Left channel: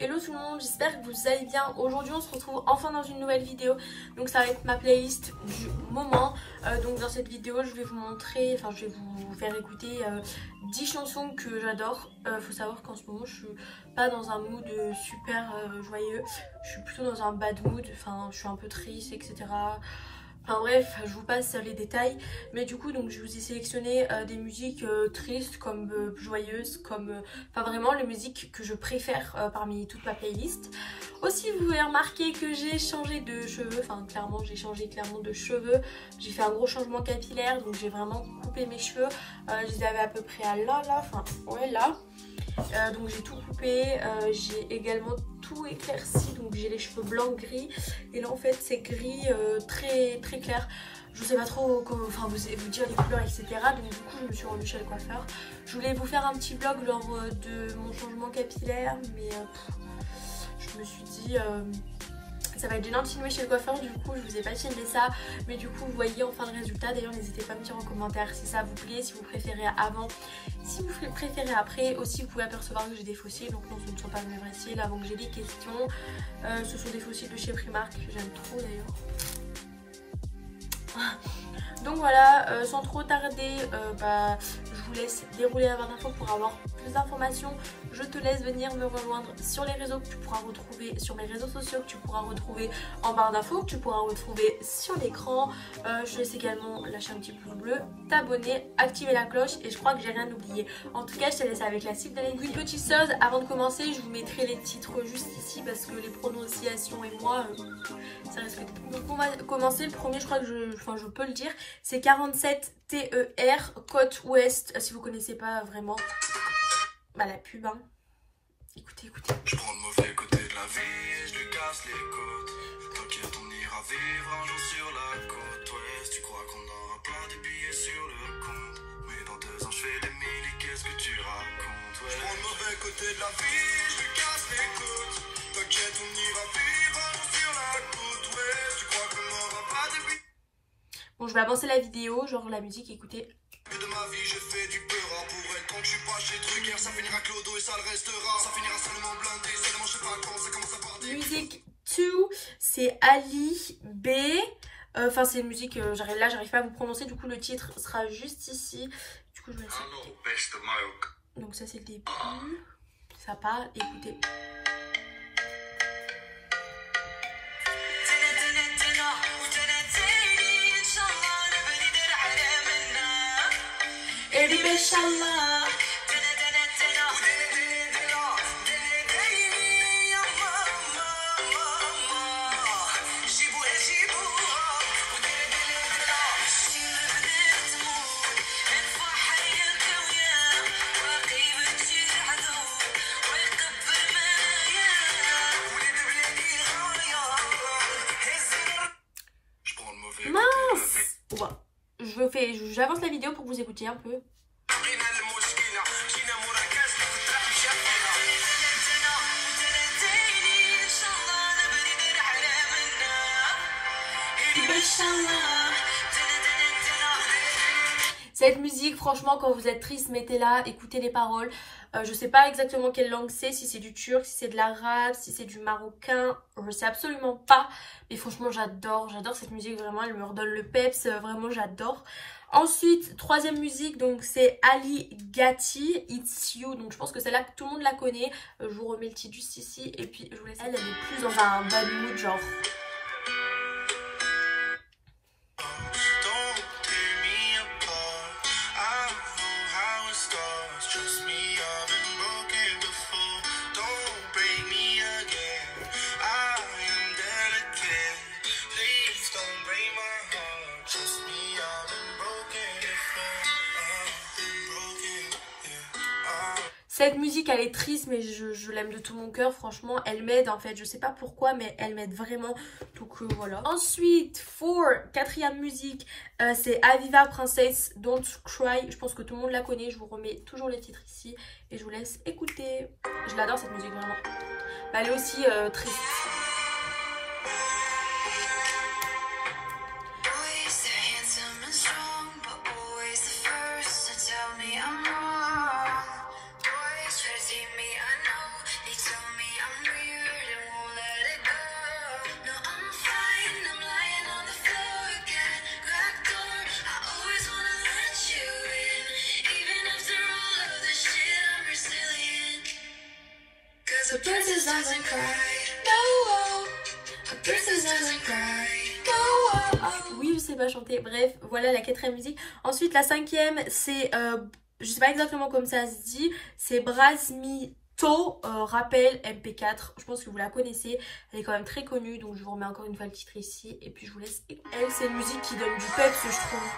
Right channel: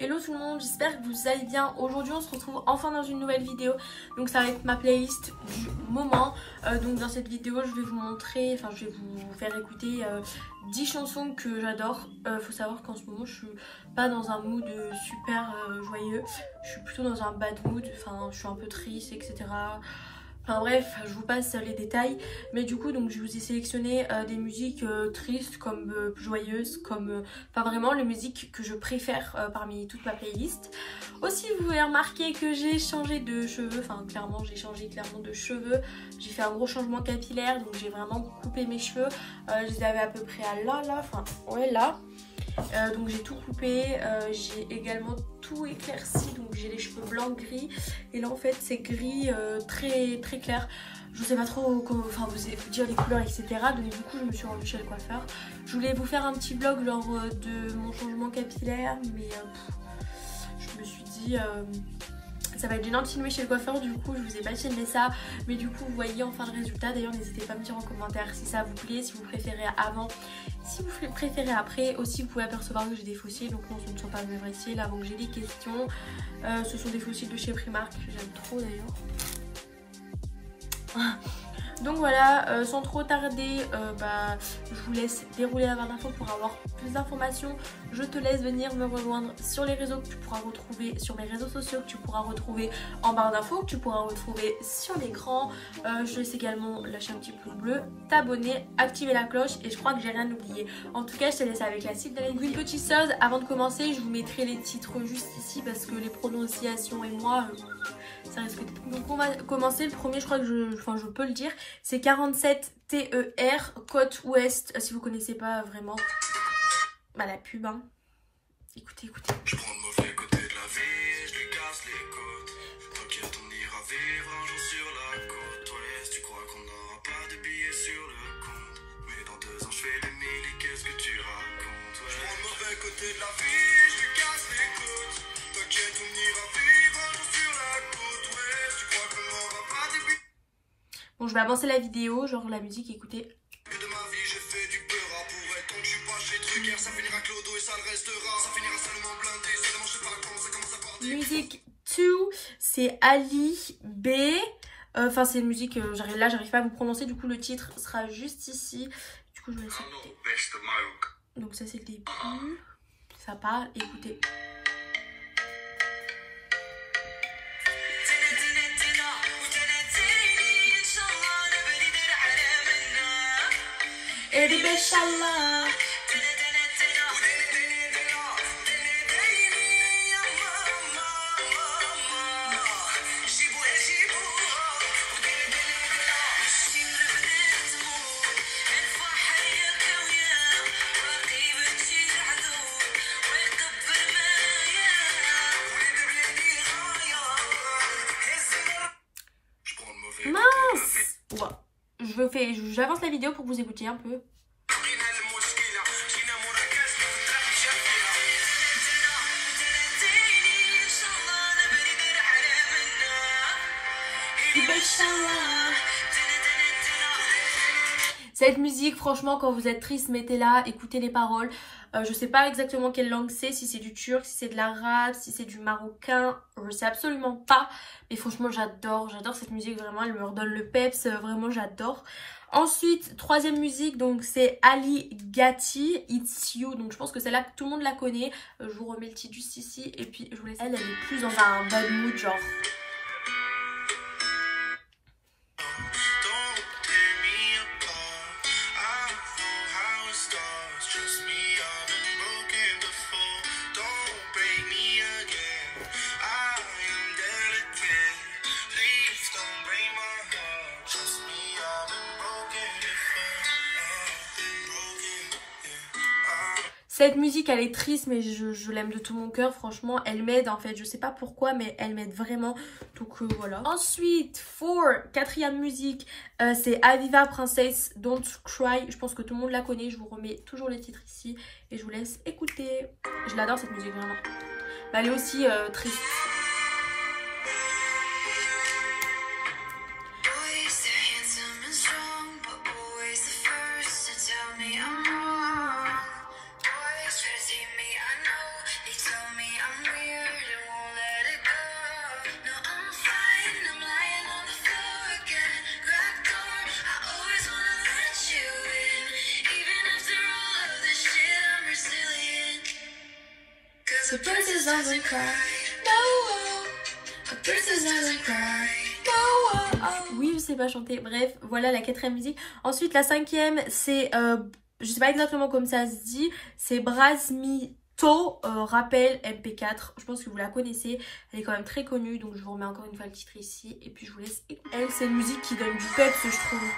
Hello tout le monde, j'espère que vous allez bien. Aujourd'hui on se retrouve enfin dans une nouvelle vidéo. Donc ça va être ma playlist du moment. Donc dans cette vidéo je vais vous montrer, enfin je vais vous faire écouter 10 chansons que j'adore. Faut savoir qu'en ce moment je suis pas dans un mood super joyeux. Je suis plutôt dans un bad mood, enfin je suis un peu triste, etc. Enfin bref, je vous passe les détails. Mais du coup, donc je vous ai sélectionné des musiques tristes, comme joyeuses, comme... Enfin vraiment les musiques que je préfère parmi toute ma playlist. Aussi, vous avez remarqué que j'ai changé de cheveux. Enfin clairement, j'ai changé de cheveux. J'ai fait un gros changement capillaire, donc j'ai vraiment coupé mes cheveux. Je les avais à peu près à là, enfin ouais là. Donc j'ai tout coupé, j'ai également tout éclairci, donc j'ai les cheveux blancs gris et là en fait c'est gris très clair. Je sais pas trop comment, enfin vous dire les couleurs etc. Donc du coup je me suis rendue chez le coiffeur. Je voulais vous faire un petit vlog lors de mon changement capillaire, mais je me suis dit ça va être gênant de filmer chez le coiffeur, du coup je vous ai pas filmé ça. Mais du coup vous voyez enfin le résultat. D'ailleurs n'hésitez pas à me dire en commentaire si ça vous plaît, si vous préférez avant, si vous préférez après. Aussi vous pouvez apercevoir que j'ai des fossiles, donc non ce ne sont pas mes vrais cils. Avant que j'ai des questions, ce sont des fossiles de chez Primark, j'aime trop d'ailleurs. Donc voilà, sans trop tarder, je vous laisse dérouler la barre d'infos pour avoir plus d'informations. Je te laisse venir me rejoindre sur les réseaux que tu pourras retrouver, sur mes réseaux sociaux que tu pourras retrouver en barre d'infos, que tu pourras retrouver sur l'écran. Je laisse également lâcher un petit pouce bleu, t'abonner, activer la cloche et je crois que j'ai rien oublié. En tout cas, je te laisse avec la suite de la vidéo. Une petite chose, avant de commencer, je vous mettrai les titres juste ici parce que les prononciations et moi... ça risque d'être... Donc on va commencer, le premier je crois que je peux le dire, c'est 47 TER, côte ouest, si vous connaissez pas vraiment la pub hein. Écoutez. Je prends le mauvais côté de la vie, je lui casse les côtes. T'inquiète on ira vivre un jour sur la côte ouest. Tu crois qu'on aura pas de billets sur le compte, mais dans 2 ans je fais les milles, qu'est-ce que tu racontes ouais. Je prends le mauvais côté de la vie, je lui casse les côtes. T'inquiète on ira vivre un jour sur la côte ouest. Tu crois qu'on aura pas de billets. Bon, je vais avancer la vidéo, genre la musique, écoutez. De ma vie, j'ai fait du beurre pour elle. Quand je suis pas chez Drucker, ça finira clodo et ça le restera. Ça finira seulement blindé, seulement je sais pas quand ça commence à partir. Musique 2, c'est Ali B. Enfin, c'est une musique, j'arrive pas à vous prononcer, du coup le titre sera juste ici. Du coup, je vais laisser. Donc, ça, c'est le début. Ça part, écoutez. Mince! J'avance la vidéo pour que vous écoutiez un peu. Cette musique, franchement, quand vous êtes triste, mettez-la, écoutez les paroles. Je sais pas exactement quelle langue c'est, si c'est du turc, si c'est de l'arabe, si c'est du marocain, je sais absolument pas. Mais franchement, j'adore cette musique, vraiment, elle me redonne le peps, vraiment, j'adore. Ensuite, troisième musique, donc c'est Ali Gatti, It's You. Donc je pense que celle-là, tout le monde la connaît. Je vous remets le titre juste ici. Et puis je vous laisse. Elle est plus dans un bad mood, genre. Cette musique elle est triste mais je l'aime de tout mon cœur, franchement elle m'aide en fait, je sais pas pourquoi mais elle m'aide vraiment, donc voilà. Ensuite, quatrième musique, c'est Aviva Princess Don't Cry, je pense que tout le monde la connaît, je vous remets toujours les titres ici et je vous laisse écouter. Je l'adore cette musique vraiment, elle est aussi triste. A princess doesn't cry. No, a princess doesn't cry. No, oui, je sais pas chanter. Bref, voilà la 4e musique. Ensuite, la 5e, c'est, je sais pas exactement comme ça se dit, c'est Brasmito, rappel MP4. Je pense que vous la connaissez. Elle est quand même très connue, donc je vous remets encore une fois le titre ici. Et puis je vous laisse écouter. Elle, c'est une musique qui donne du peps, je trouve.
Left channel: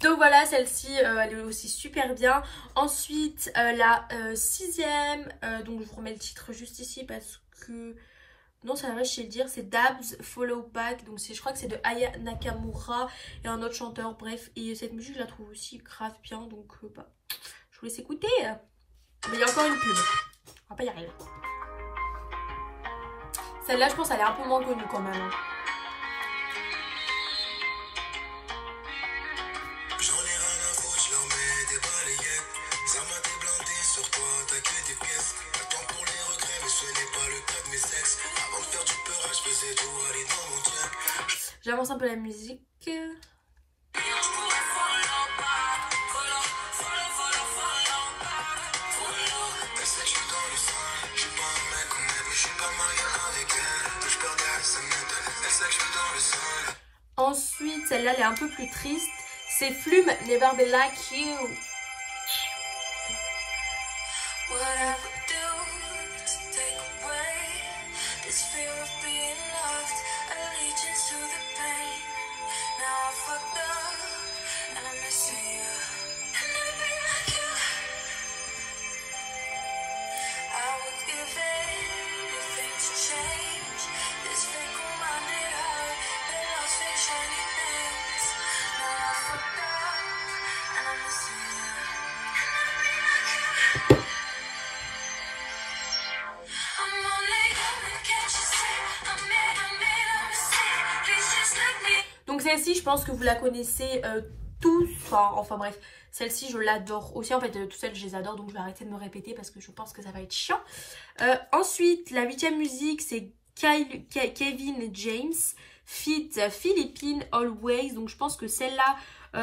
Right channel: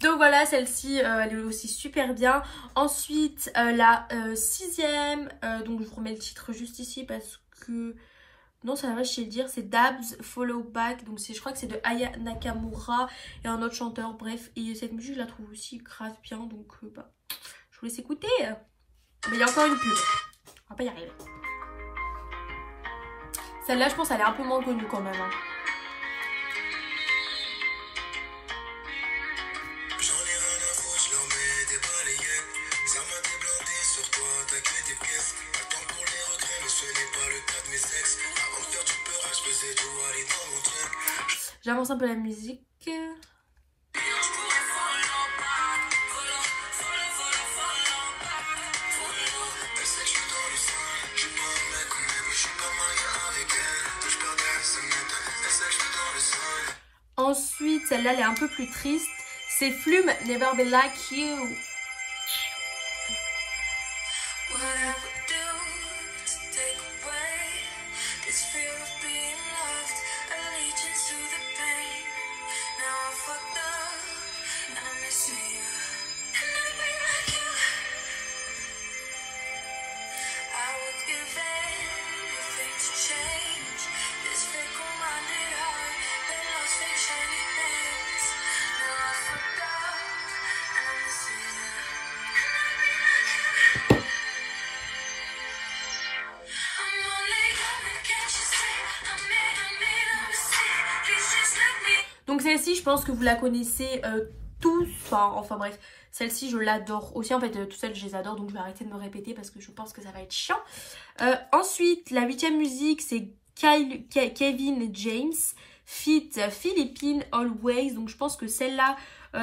Donc voilà, celle-ci, elle est aussi super bien. Ensuite, la 6e, donc je vous remets le titre juste ici parce que... Non, ça va, je sais le dire, c'est Dabs Follow Back. Donc je crois que c'est de Aya Nakamura et un autre chanteur, bref. Et cette musique, je la trouve aussi grave bien, donc bah, je vous laisse écouter. Mais il y a encore une pub, on va pas y arriver. Celle-là, je pense, elle est un peu moins connue quand même. Hein. J'avance un peu la musique. Ensuite, celle-là, elle est un peu plus triste. C'est Flume, Never Be Like You. Donc celle-ci, je pense que vous la connaissez tous. Enfin bref, celle-ci, je l'adore aussi. En fait, toutes celles, je les adore. Donc je vais arrêter de me répéter parce que je pense que ça va être chiant. Ensuite, la 8e musique, c'est Kevin James feat. Philippines Always. Donc je pense que celle-là,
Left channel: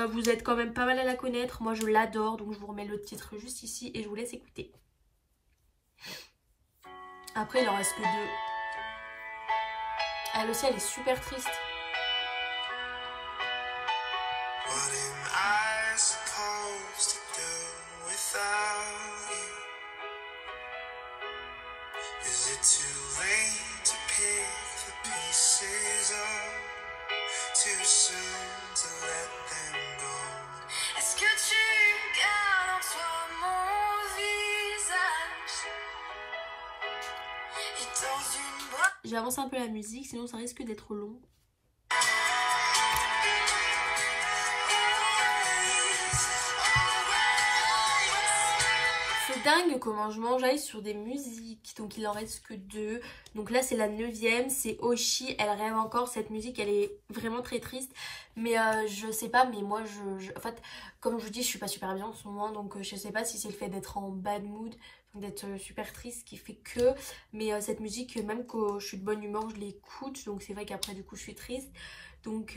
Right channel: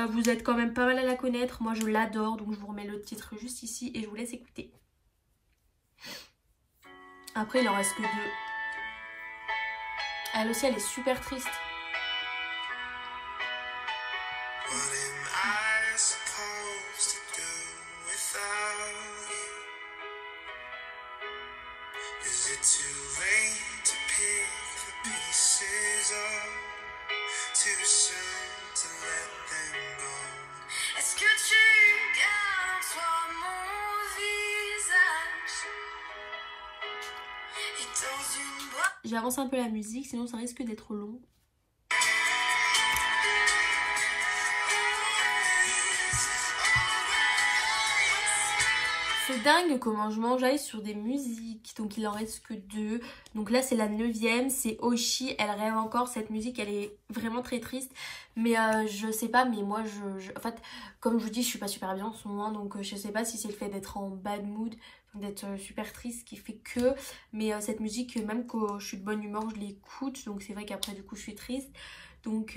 vous êtes quand même pas mal à la connaître. Moi, je l'adore. Donc je vous remets le titre juste ici et je vous laisse écouter. Après, il en reste que 2. Elle aussi, elle est super triste. Est-ce que tu gardes en toi mon visage et dans une boîte? J'avance un peu la musique, sinon ça risque d'être long. C'est dingue comment je m'enjaille sur des musiques. Donc il en reste que 2. Donc là c'est la 9e, c'est Oshi, Elle rêve encore. Cette musique elle est vraiment très triste. Mais je sais pas, mais moi en fait comme je vous dis je suis pas super bien en ce moment. Donc je sais pas si c'est le fait d'être en bad mood, d'être super triste qui fait que. Mais cette musique même quand je suis de bonne humeur je l'écoute. Donc c'est vrai qu'après du coup je suis triste. Donc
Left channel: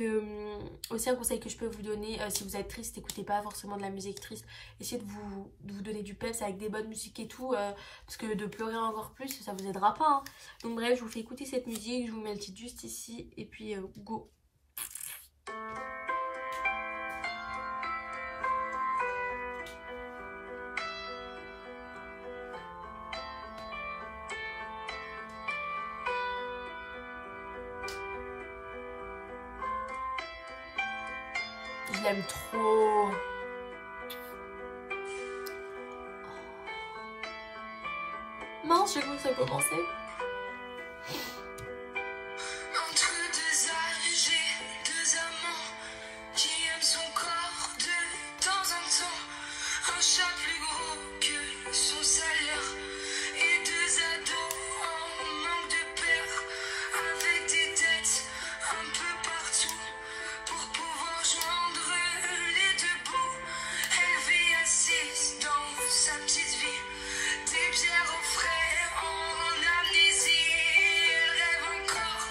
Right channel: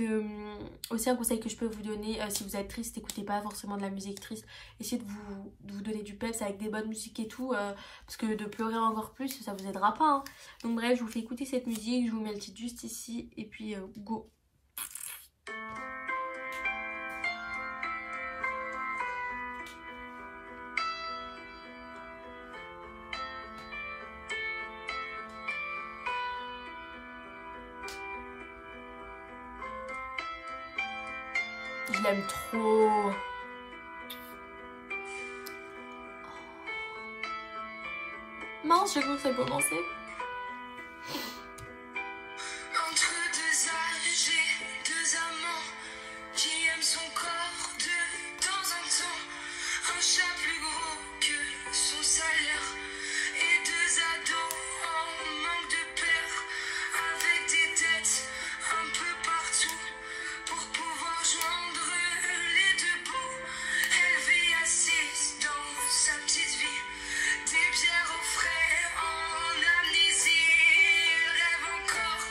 aussi un conseil que je peux vous donner, si vous êtes triste, écoutez pas forcément de la musique triste. Essayez de vous donner du peps avec des bonnes musiques et tout, parce que de pleurer encore plus, ça vous aidera pas. Hein. Donc bref, je vous fais écouter cette musique, je vous mets le titre juste ici, et puis go. Je l'aime trop. Mince, j'ai cru que ça commençait. Entre deux âges et deux amants qui aiment son corps de temps en temps. Un chat plus gros que son salaire et deux ados en manque de père avec des dettes un peu partout pour pouvoir joindre les deux bouts. Elle vit assise dans sa petite vie, des bières au frais en amnésie. Elle rêve encore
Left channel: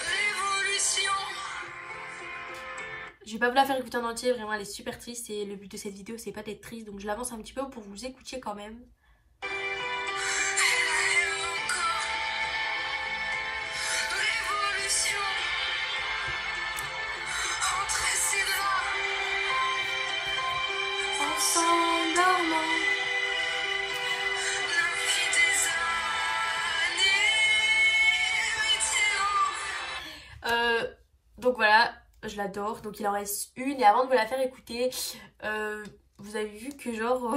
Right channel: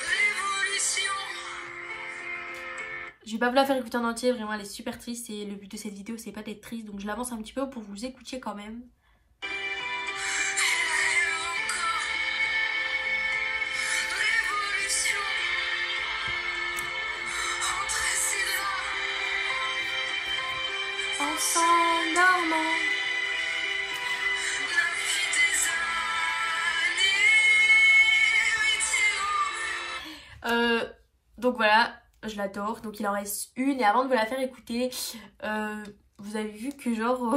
révolution. Je vais pas vous la faire écouter en entier, vraiment elle est super triste et le but de cette vidéo c'est pas d'être triste, donc je l'avance un petit peu pour vous écoutiez quand même. Elle rêve encore révolution. Entre ses draps, En s'endormant. la vie des années. Donc voilà, je l'adore. Donc il en reste une et avant de vous la faire écouter, vous avez vu que genre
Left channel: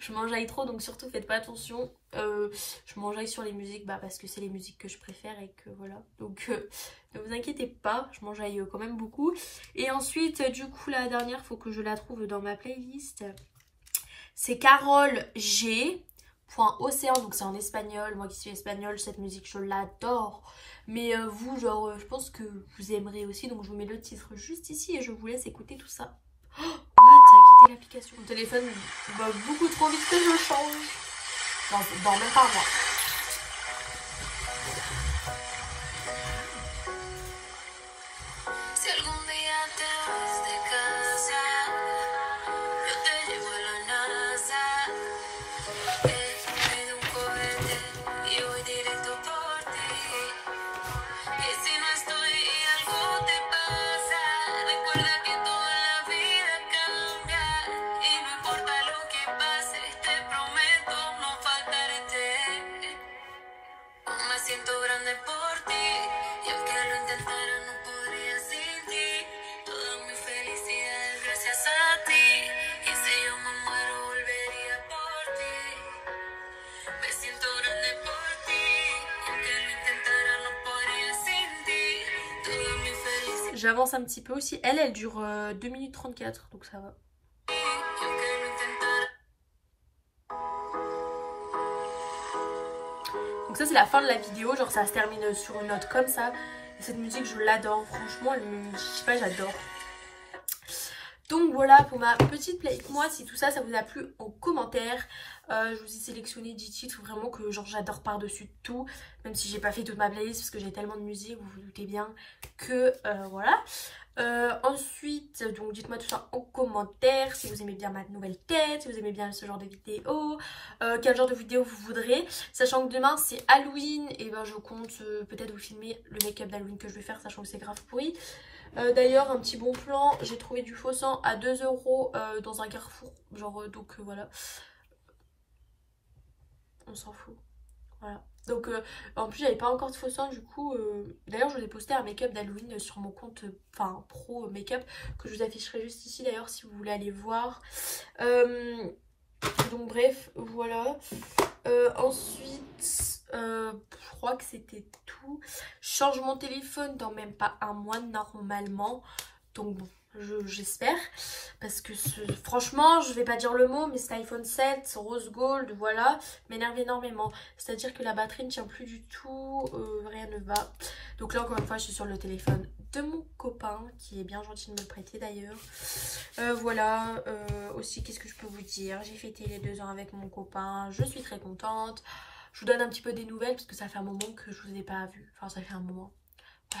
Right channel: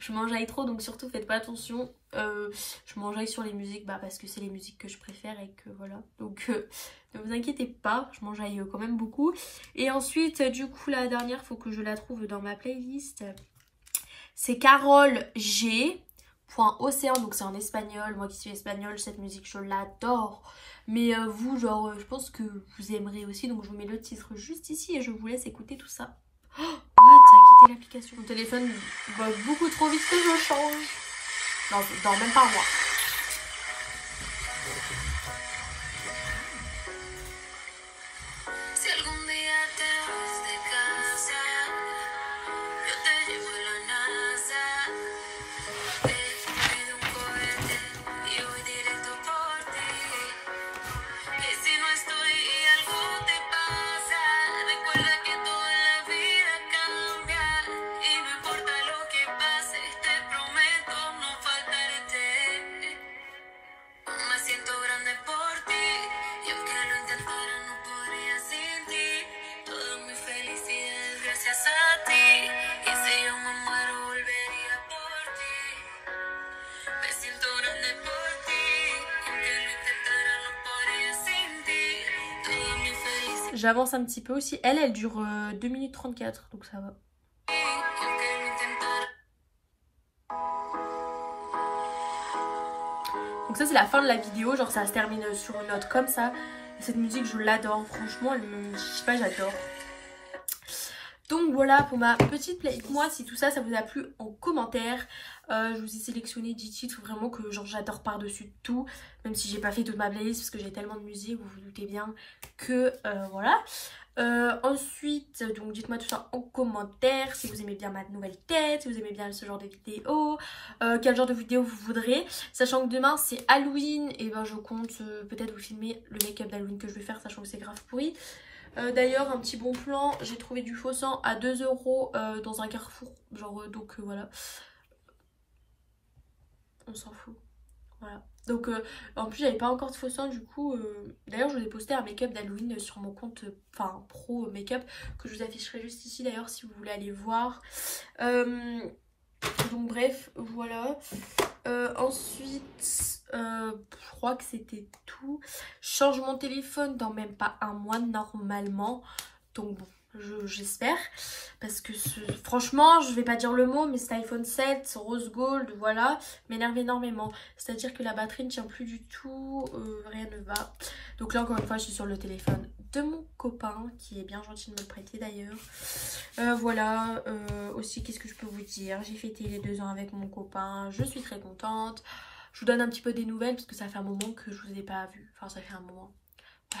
je m'enjaille trop, donc surtout faites pas attention. Je m'enjaille sur les musiques parce que c'est les musiques que je préfère et que voilà. Donc ne vous inquiétez pas, je m'enjaille quand même beaucoup. Et ensuite du coup la dernière, faut que je la trouve dans ma playlist. C'est Carol G. .océan, donc c'est en espagnol. Moi qui suis espagnole, cette musique je l'adore. Mais vous, genre, je pense que vous aimerez aussi. Donc je vous mets le titre juste ici et je vous laisse écouter tout ça. Oh, what, ça a quitté l'application. Mon téléphone va beaucoup trop vite que je change. Non, même pas moi. Si algún día te vas de casa, yo te llevo a la NASA. Pido un cohete y voy directo por ti. Que si no estoy y algo te pasa, recuerda que toda la vida cambia. Y no importa lo que pase, te prometo no faltarte. Me siento grande por ti, y aunque lo intentara no podría sin ti. Toda mi felicidad es gracias a ti, y si yo me muero volvería por ti. Me siento grande por ti, y aunque lo intentara no podría sin ti. Toda mi felicidad, J'avance un petit peu aussi. Elle dure 2 minutes 34, donc ça va. y aunque lo intentara. Donc ça c'est la fin de la vidéo, genre ça se termine sur une note comme ça. Cette musique je l'adore, franchement je sais pas, j'adore. Donc voilà pour ma petite playlist. Moi si tout ça vous a plu en commentaire, je vous ai sélectionné 10 titres vraiment que genre j'adore par-dessus tout. Même si j'ai pas fait toute ma playlist parce que j'ai tellement de musique, vous vous doutez bien que voilà. Ensuite, donc dites-moi tout ça en commentaire, si vous aimez bien ma nouvelle tête, si vous aimez bien ce genre de vidéo, quel genre de vidéo vous voudrez. Sachant que demain c'est Halloween, et ben je compte peut-être vous filmer le make-up d'Halloween que je vais faire, sachant que c'est grave pourri. D'ailleurs un petit bon plan, j'ai trouvé du faux sang à 2 € dans un carrefour, genre donc voilà. On s'en fout. Voilà. Donc en plus j'avais pas encore de faux sang du coup. D'ailleurs je vous ai posté un make-up d'Halloween sur mon compte pro make-up que je vous afficherai juste ici d'ailleurs si vous voulez aller voir. Donc bref voilà. Ensuite je crois que c'était tout. Je change mon téléphone dans même pas un mois normalement. Donc bon, j'espère, parce que franchement je vais pas dire le mot mais cet iPhone 7 rose gold voilà m'énerve énormément, c'est à dire que la batterie ne tient plus du tout, rien ne va. Donc là encore une fois je suis sur le téléphone de mon copain qui est bien gentil de me le prêter d'ailleurs. Voilà, aussi qu'est-ce que je peux vous dire, j'ai fêté les 2 ans avec mon copain, je suis très contente. Je vous donne un petit peu des nouvelles parce que ça fait un moment que je vous ai pas vu, enfin ça fait un moment, ouais.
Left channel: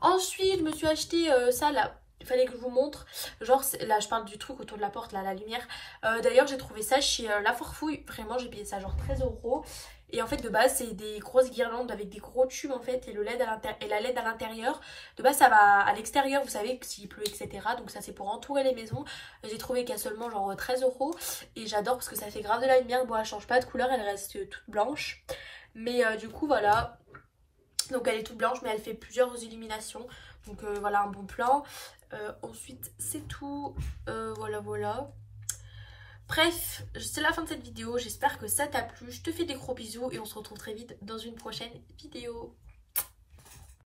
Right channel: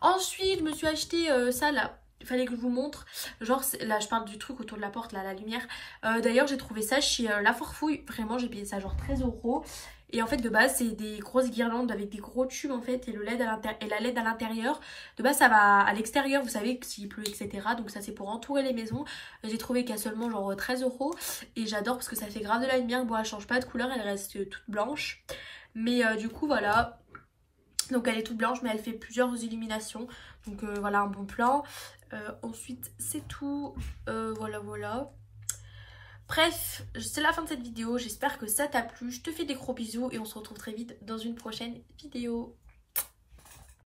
Ensuite, je me suis acheté ça là. Il fallait que je vous montre. Genre, là, je parle du truc autour de la porte, là, la lumière. D'ailleurs, j'ai trouvé ça chez La Farfouille. Vraiment, j'ai payé ça genre 13 €. Et en fait, de base, c'est des grosses guirlandes avec des gros tubes en fait. Et, la LED à l'intérieur. De base, ça va à l'extérieur, vous savez, s'il pleut, etc. Donc, ça, c'est pour entourer les maisons. J'ai trouvé qu'à seulement genre 13 €. Et j'adore parce que ça fait grave de la lumière. Bon, elle change pas de couleur, elle reste toute blanche. Mais du coup, voilà. Donc elle est toute blanche mais elle fait plusieurs illuminations. Donc voilà un bon plan. Ensuite c'est tout. Voilà. Bref, c'est la fin de cette vidéo, j'espère que ça t'a plu, je te fais des gros bisous et on se retrouve très vite dans une prochaine vidéo.